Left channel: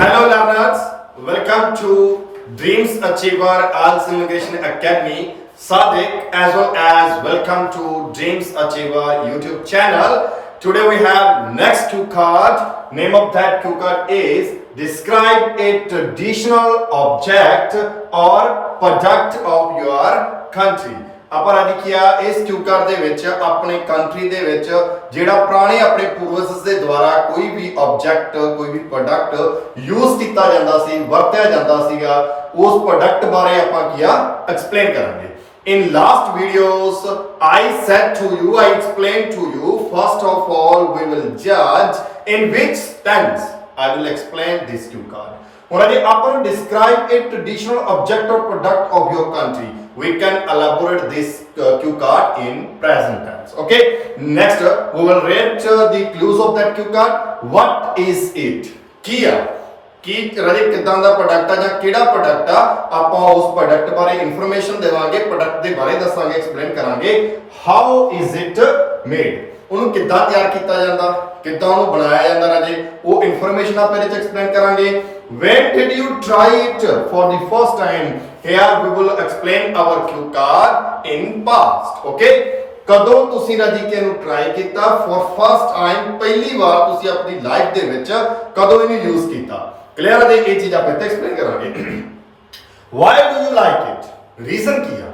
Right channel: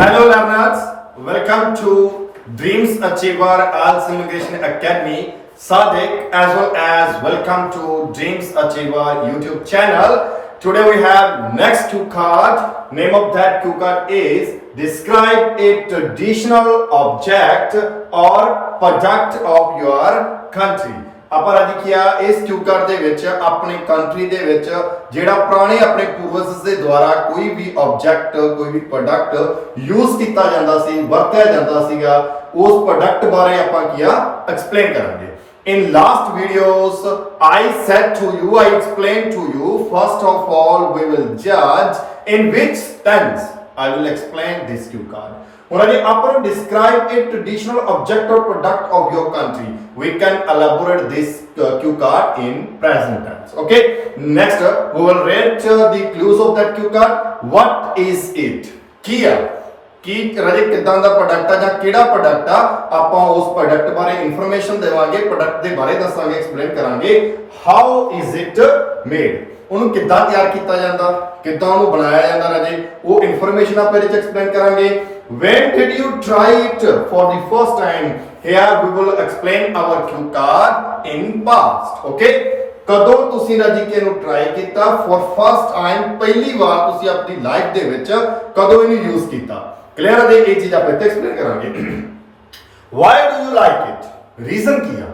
Hello learners, welcome to Dreams Achiever Ielts Immigration Academy. Sadiq as well as welcome to Dreams Achiever YouTube channel. Today we have next cue card. Name of that cue card is describe a traditional object or product of your country. ਆਪਾਂ ਅੱਜ ਕੀ ਆ ਇਸ ਕਿਊ ਕਾਰਡ ਦੇ ਵਿੱਚ ਆਪਣੀ ਕੰਟਰੀ ਦੇ ਵਿੱਚ ਜਿਹੜਾ ਪੁਰਾਣੇ ਆਪਣੇ ਪੂਰਵਜ ਦੇ ਦੁਆਰਾ ਕੋਈ ਵੀ ਆਬਜੈਕਟ ਕੋਈ ਵੀ ਪ੍ਰੋਡਕਟ ਯੂਜ਼ ਕੀਤਾ ਜਾਂਦਾ ਸੀ ਵਰਤਿਆ ਜਾਂਦਾ ਸੀਗਾ ਉਸ ਪ੍ਰੋਡਕਟ ਬਾਰੇ ਆਪਾਂ ਕੀ ਆ ਐਕਸਪਲੇਨ ਕਰਾਂਗੇ In last videos I said to you, I explained to you, first of all we will judge in which tense I will explain this cue card. ਹੁਣ ਅਜੇ ਆਪਾਂ ਨੂੰ describe a traditional object or product of your country. We can elaborate this cue card in present tense. Okay. Next, we will read the clues of that cue card. What is it? ਕੀ ਆ ਕੀ ਰਾਜੇ ਕਿਦਾਂ ਦਾ ਪ੍ਰੋਡਕਟ ਆ ਜਾਂ ਕਿਹੜਾ ਪ੍ਰੋਡਕਟ ਆ ਆਪਾਂ ਉਸ ਪ੍ਰੋਡਕਟ ਬਾਰੇ ਇਨਫੋਰਮੇਸ਼ਨ ਦੇਵਾਂਗੇ ਪ੍ਰੋਡਕਟ ਦੇ ਬਾਰੇ ਦੱਸਾਂਗੇ ਐਕਸਪਲੇਨ ਕਰਾਂਗੇ ਹਾਊ ਇਜ਼ ਇਟ ਮੇਡ ਉਹਨੂੰ ਕਿੱਦਾਂ ਤਿਆਰ ਕੀਤਾ ਜਾਂਦਾ ਕਿੱਦਾਂ ਉਹਨੂੰ ਬਣਾਇਆ ਜਾਂਦਾ ਰਾਜੇ ਉਹ ਇਨਫੋਰਮੇਸ਼ਨ ਆਪਾਂ ਇਹਦੇ ਵਿੱਚ ਐਕਸਪਲੇਨ ਕਰਾਂਗੇ when did you try it for the first time here we will explain our cue card in past okay ਕਦੋਂ ਤੁਸੀਂ ਰਾਜੀ ਕਿ ਇਹਨੂੰ ਟਰਾਈ ਕੀਤਾ ਫॉर ਫਸਟ ਟਾਈਮ ਪਹਿਲੀ ਵਾਰ ਤੁਸੀਂ ਆਪਣੀ ਲਾਈਫ ਦੇ ਵਿੱਚ ਕਦੋਂ ਇਹਨੂੰ ਯੂਜ਼ ਕੀਤਾ ਕਲੀਅਰ ਹੈ ਇਹ ਚੀਜ਼ ਆਪਾਂ ਇੱਥੇ ਐਕਸਪਲੇਨ ਕਰਾਂਗੇ why do you like it reason ਕੀ ਆ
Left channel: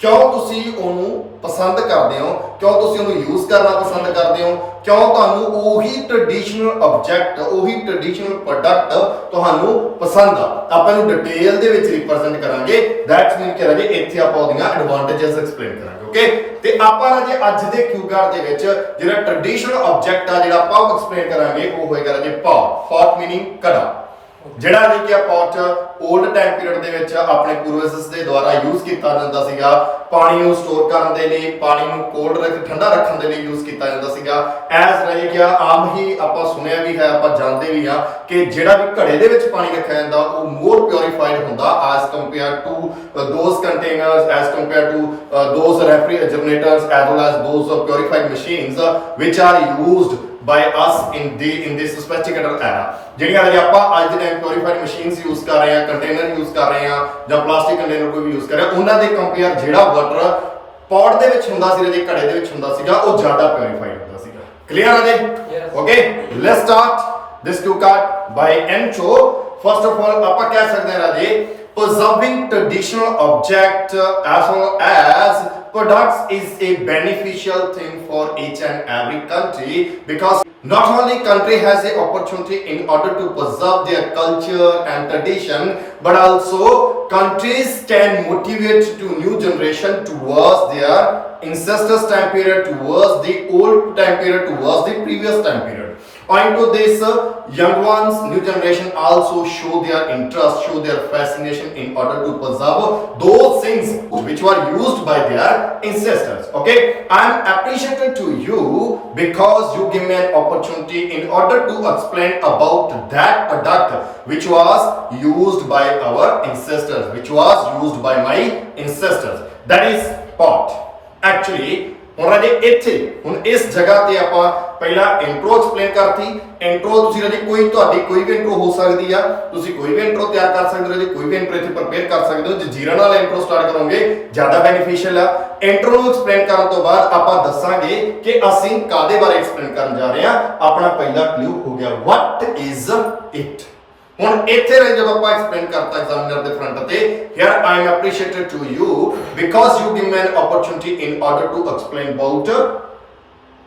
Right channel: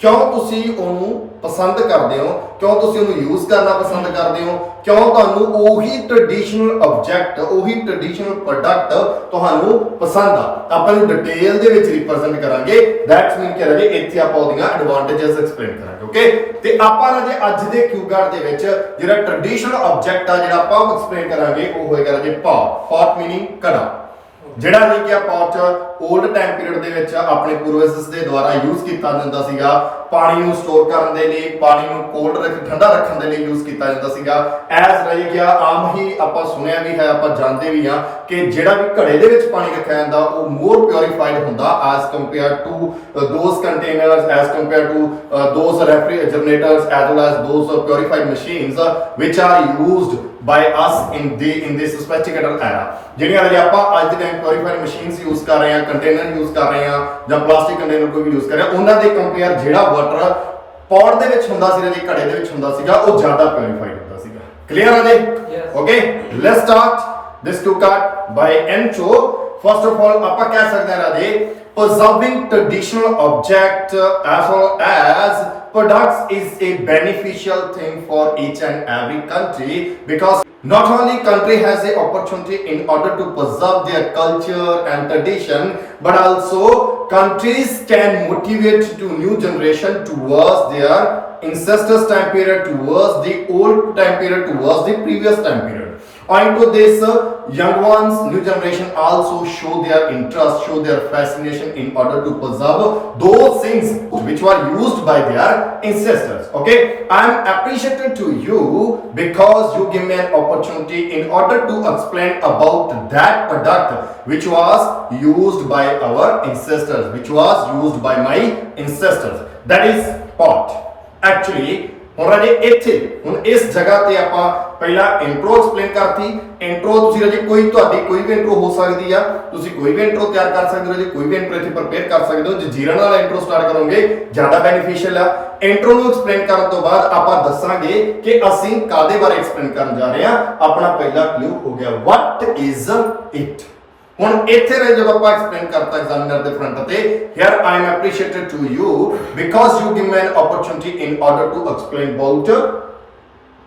ਕਿਉਂ ਤੁਸੀਂ ਉਹਨੂੰ ਪਸੰਦ ਕਰਦੇ ਹੋ ਕਿਉਂ ਤੁਸੀਂ ਉਹਨੂੰ ਯੂਜ਼ ਕਰਨਾ ਪਸੰਦ ਕਰਦੇ ਹੋ ਕਿਉਂ ਤੁਹਾਨੂੰ ਉਹੀ ਟ੍ਰੈਡੀਸ਼ਨਲ ਆਬਜੈਕਟ ਉਹੀ ਟ੍ਰੈਡੀਸ਼ਨਲ ਪ੍ਰੋਡਕਟ ਤੁਹਾਨੂੰ ਪਸੰਦ ਆ ਆਪਾਂ ਇਹਨੂੰ ਡਿਟੇਲ ਦੇ ਵਿੱਚ ਰਿਪਰੈਜ਼ੈਂਟ ਕਰਾਂਗੇ ਦੈਟਸ ਮੀਨ ਕਿ ਰਾਜੇ ਇੱਥੇ ਆਪਾਂ ਉਹਦੀਆਂ ਐਡਵਾਂਟੇਜਸ ਐਕਸਪਲੇਨ ਕਰਾਂਗੇ ਓਕੇ ਤੇ ਆਪਾਂ ਰਾਜੇ ਅੱਜ ਦੇ ਕਿਊ ਕਾਰਡ ਦੇ ਵਿੱਚ ਜਿਹੜਾ ਟ੍ਰੈਡੀਸ਼ਨਲ ਆਬਜੈਕਟ ਆ ਜਿਹੜਾ ਆਪਾਂ ਐਕਸਪਲੇਨ ਕਰਾਂਗੇ ਉਹ ਹੋਏਗਾ ਰਾਜੇ ਪੌਟ ਮੀਨਿੰਗ ਕੜਾ ਜਿਹੜਾ ਵੀ ਕਿ ਪੌਟ 올ਡ ਟਾਈਮ ਪੀਰੀਅਡ ਦੇ ਵਿੱਚ ਆਪਣੇ ਪੂਰਵਜਸ ਦੇ ਦੁਆਰਾ ਯੂਜ਼ ਕੀਤਾ ਜਾਂਦਾ ਸੀਗਾ ਪਾਣੀ ਨੂੰ ਸਟੋਰ ਕਰਨ ਦੇ ਲਈ ਪਾਣੀ ਨੂੰ ਕੋਲਡ ਠੰਡਾ ਰੱਖਣ ਦੇ ਲਈ ਯੂਜ਼ ਕੀਤਾ ਜਾਂਦਾ ਸੀਗਾ ਐਜ਼ ਰਾਜੀ ਕਿ ਆਮ ਹੀ ਆਪਾਂ ਸੁਣਿਆ ਵੀ ਹੈ ਆਪਾਂ ਜਾਣਦੇ ਵੀ ਹਾਂ ਕਿ ਜਿਹੜਾ ਵੀ ਘੜੇ ਦੇ ਵਿੱਚ ਪਾਣੀ ਰੱਖਿਆ ਜਾਂਦਾ ਉਹ ਮੋਰ ਪਿਉਰੀਫਾਈਡ ਹੁੰਦਾ as compare to those containers as compare to those refrigerators as well as those purified machines ਵਿਚ are used by us in this sophisticated era ਜਿਹੜੀਆਂ ਜੇ ਆਪਾਂ ਅੱਜ ਦੇ ਟਾਈਮ ਪਿਉਰੀਫਾਈਡ ਮਸ਼ੀਨਸ ਯੂਜ਼ ਕਰ ਰਹੇ ਹਾਂ ਕੰਟੇਨਰ ਯੂਜ਼ ਕਰ ਰਹੇ ਹਾਂ ਜਾਂ ਪਲਾਸਟਿਕ ਕੰਟੇਨਰ ਕੋਈ ਵੀ ਯੂਜ਼ ਕਰ ਰਿਹਾ ਉਹਨਾਂ ਦੇ ਕੰਪੇਅਰ ਜਿਹੜਾ ਵਾਟਰ ਪੌਟ ਦੇ ਵਿੱਚ ਹੁੰਦਾ ਸੀ ਜੇ ਘੜੇ ਦੇ ਵਿੱਚ ਹੁੰਦਾ ਸੀਗਾ ਉਹ ਜ਼ਿਆਦਾ ਪਿਉਰੀਫਾਈਡ ਹੁੰਦਾ ਸੀਗਾ ਕਲੀਅਰ ਹੈ ਜੀ okay let's start this to card by intro first of all ਆਪਾਂ ਕਹਿ ਸਕਦੇ ਹਾਂ ਰਾਜੇ preserving traditional object as well as products is a beneficial thing for each and every country because not only country has a opportunity in order to preserve their culture and tradition but also countries can motivate to new generation towards their ancestors time period towards the old time period towards the previous time period owing to this young ones new generation also show their interest show their fascination in order to preserve those things which were used by their ancestors okay I am appreciative to you because you give me an opportunity in order to explain about that product which was used by our ancestors which was used by my ancestors that is pot actually ਹੁਣ ਰਾਜੇ ਇੱਥੇ ਹੁਣ ਇਸ ਜਗ੍ਹਾ ਤੇ ਆਪਾਂ ਪਹਿਲਾਂ intro explain ਕਰਤੀ ਇੰਟਰੋ ਤੁਸੀਂ ਰਾਜੇ ਤੁਹਾਡੀ ਕੋਈ ਵੀ ਇੰਟਰੋ ਹੋ ਸਕਦੀ ਆ ਤੁਸੀਂ ਕੋਈ ਵੀ ਇੰਟਰੋ ਤਿਆਰ ਕਰ ਸਕਦੇ ਹੋ ਜੀ ਕੋਈ ਵੀ ਇੰਟਰੋ ਇੱਥੇ ਪ੍ਰਪੇਅਰ ਕਰ ਸਕਦੇ ਹੋ ਜੇ ਜੀਰਾ ਨਾਲ ਇੰਟਰੋ ਸਟਾਰਟ ਕਰੋਗੇ ਜ਼ਿਆਦਾ ਬੈਨੀਫੀਸ਼ੀਅਲ ਆ ਇੰਟਰੋ ਨੂੰ ਐਕਸਪਲੇਨ ਕਰਨ ਤੋਂ ਬਾਅਦ ਆਪਾਂ ਦੱਸਾਂਗੇ ਕਿ ਅਸੀਂ ਕਾਦੇ ਬਾਰੇ ਐਕਸਪਲੇਨ ਕਰਨ ਜਾ ਰਹੇ ਹਾਂ ਆਪਣਾ ਪਹਿਲਾ ਕਲੂ ਹੋ ਗਿਆ what is it ਹੁਣ ਇੱਥੇ ਰਹੇ ਜਦੋਂ ਆਪਾਂ ਐਕਸਪਲੇਨ ਕਰਤਾ ਐਗਜ਼ਾਮੀਨਰ ਦੇ ਫਰੰਟ ਤੇ here I am appreciated to you because you give me an opportunity in order to explain about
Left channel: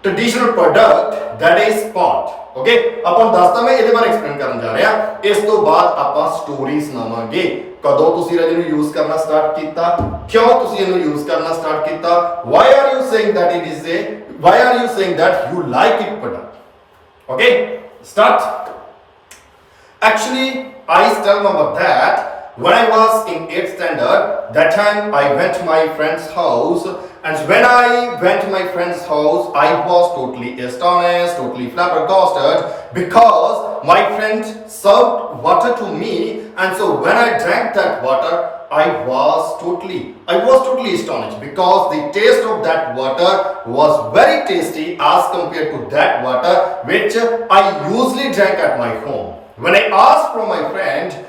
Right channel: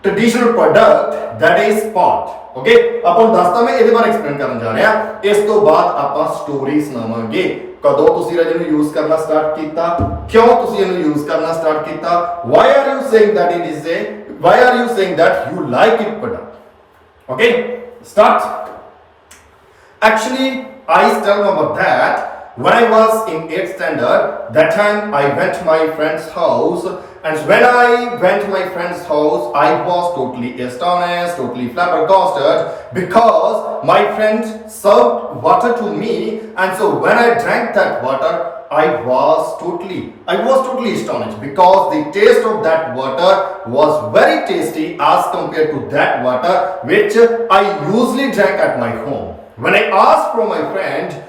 traditional product that is pot okay ਆਪਾਂ ਦੱਸਦਾ ਮੈਂ ਇਹਦੇ ਬਾਰੇ ਐਕਸਪਲੇਨ ਕਰਨ ਜਾ ਰਿਹਾ ਇਸ ਤੋਂ ਬਾਅਦ ਆਪਾਂ ਸਟੋਰੀ ਸੁਣਾਵਾਂਗੇ ਕਦੋਂ ਤੁਸੀਂ ਰਾਜੇ ਨੂੰ ਯੂਜ਼ ਕਰਨਾ ਸਟਾਰਟ ਕੀਤਾ ਕਿਉਂ ਤੁਸੀਂ ਇਹਨੂੰ ਯੂਜ਼ ਕਰਨਾ ਸਟਾਰਟ ਕੀਤਾ why are you saying that it is a why are you saying that you like it product okay start Actually, I still remember that when I was in 8th standard, that time I went to my friend's house and when I went to my friend's house, I was totally astonished, totally flabbergasted because my friend served water to me and so when I drank that water, I was totally astonished because the taste of that water was very tasty as compared to that water which I usually drank at my home. when I asked from my friend,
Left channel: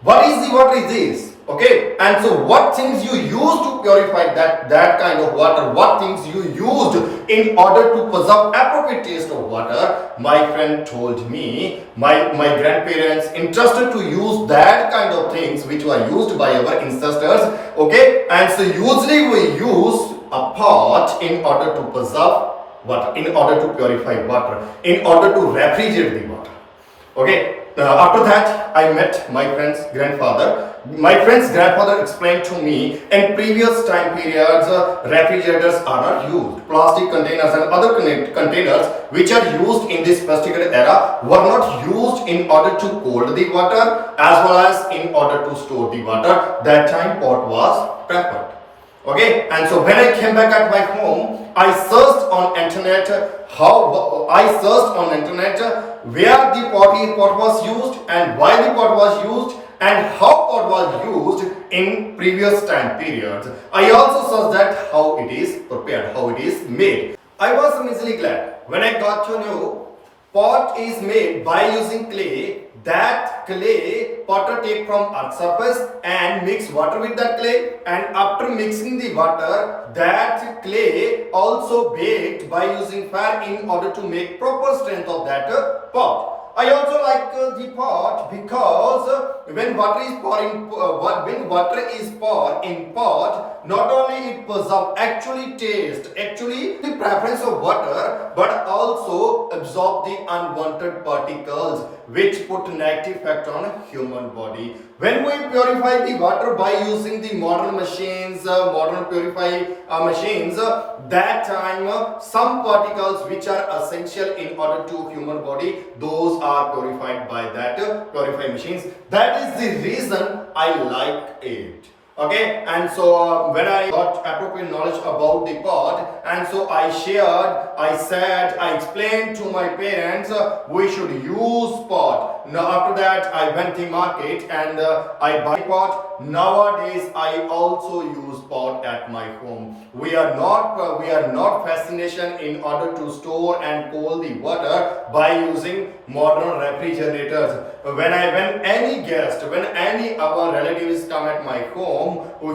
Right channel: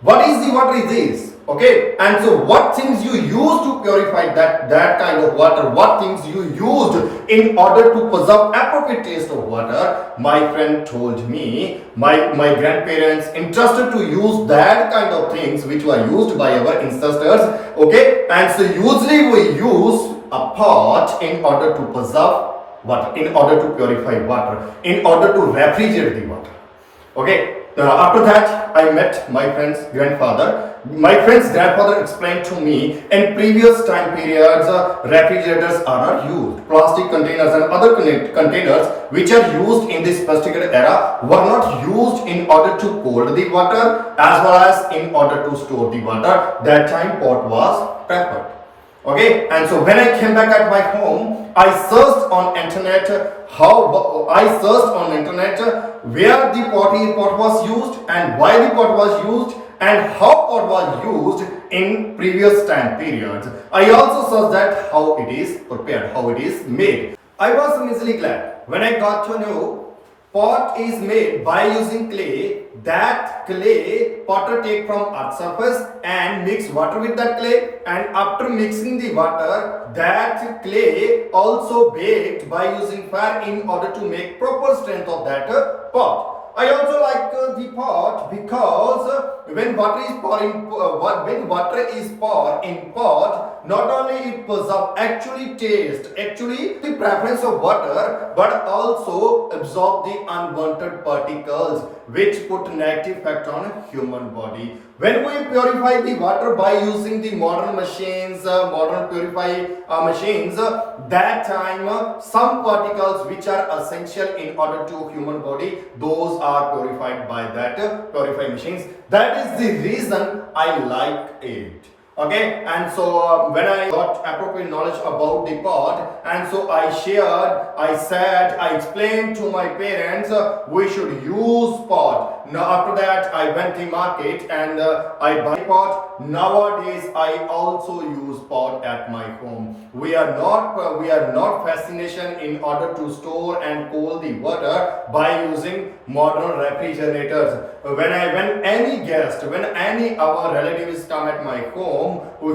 what is this? Okay, and so what things you use to purify that kind of water, what things you used in order to preserve appropriate taste of water, my friend told me my grandparents interested to use that kind of things which were used by our ancestors. Okay, and so usually we use a pot in order to preserve water, in order to purify water, in order to refrigerate the water. Okay, after that, I met my friend's grandfather. My friend's grandfather explained to me in previous time periods, refrigerators are not used. Plastic containers and other containers which are used in this particular era were not used in order to cool the water as well as in order to store the water. That time pot was preferred. Okay, and so when I came back at my home, I searched on internet where the pot was used and why the pot was used and how pot was used in previous time periods. I also searched that how it is prepared, how it is made. I was immensely glad when I got to know pot is made by using clay. That clay potter take from earth surface and mix water with that clay, and after mixing the water, that clay also baked by using fire in order to make proper strength of that pot. I also like the pot because when water is poured in pot, not only it preserves actually the preference of water, but also absorb the unwanted particles which put negative effect on human body. When we purify the water by using the modern machines, that time some particles which are essential in order to human body, those are purified by that purifying machines. That is the reason I like it. Okay, and so when I got appropriate knowledge about the pot, and so I explained to my parents we should use pot. Now after that I went to market and I buy pot. Nowadays I also use pot at my home. We are not fascination in order to store and cool the water by using modern refrigerators. When any our relatives come at my home,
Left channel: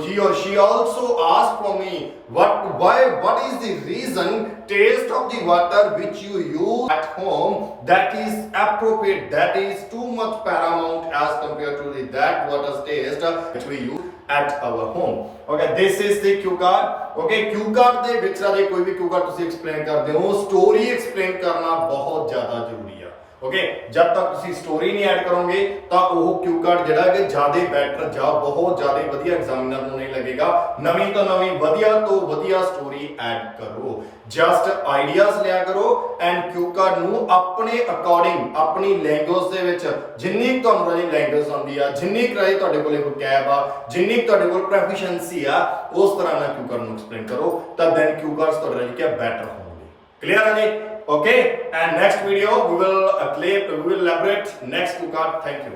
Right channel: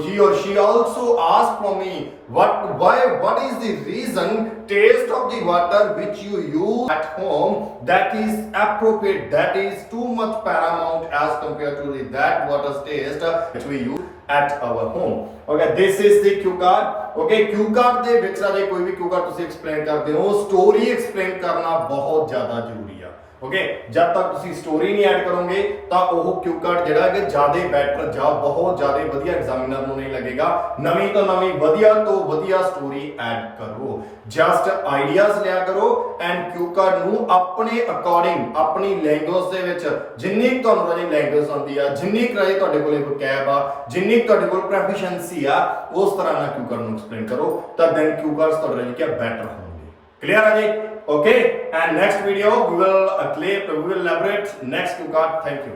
he or she also asks from me what is the reason taste of the water which you use at home that is appropriate, that is too much paramount as compared to that water's taste which we use at our home. Okay, this is the cue card. Okay, cue card ਦੇ ਵਿੱਚ ਸਾਡੇ ਕੋਈ ਵੀ cue card ਤੁਸੀਂ explain ਕਰਦੇ ਹੋ, story explain ਕਰਨਾ ਬਹੁਤ ਜ਼ਿਆਦਾ ਜ਼ਰੂਰੀ ਹੈ। ओके, जब तक तुसी स्टोरी नहीं ऐड करोगे तो वो क्यू कार्ड जिहड़ा कि ज़्यादा बैटर जा बहुत ज़्यादा वधिया एग्जामिनर नूं नहीं लगेगा। नवीं तो नवीं वधिया तो वधिया स्टोरी ऐड करो, जस्ट आइडियाज लिया करो एंड क्यू कार्ड नूं अपने अकॉर्डिंग अपनी लैंग्वेज दे विच जिन्नी तुहानूं रही लैंग्वेज आउंदी आ, जिन्नी रही तुहाडे कोले वोकैब आ, जिन्नी तुहाडे कोल प्रोफिशिएंसी आ, उस तरह ना क्यू कार्ड नूं एक्सप्लेन करो तो दैन क्यू कार्ड्स तुहाडे रही क्या बैटर होंगे। क्लियर है जी? Okay, and next video we will elaborate next cue card. Thank you.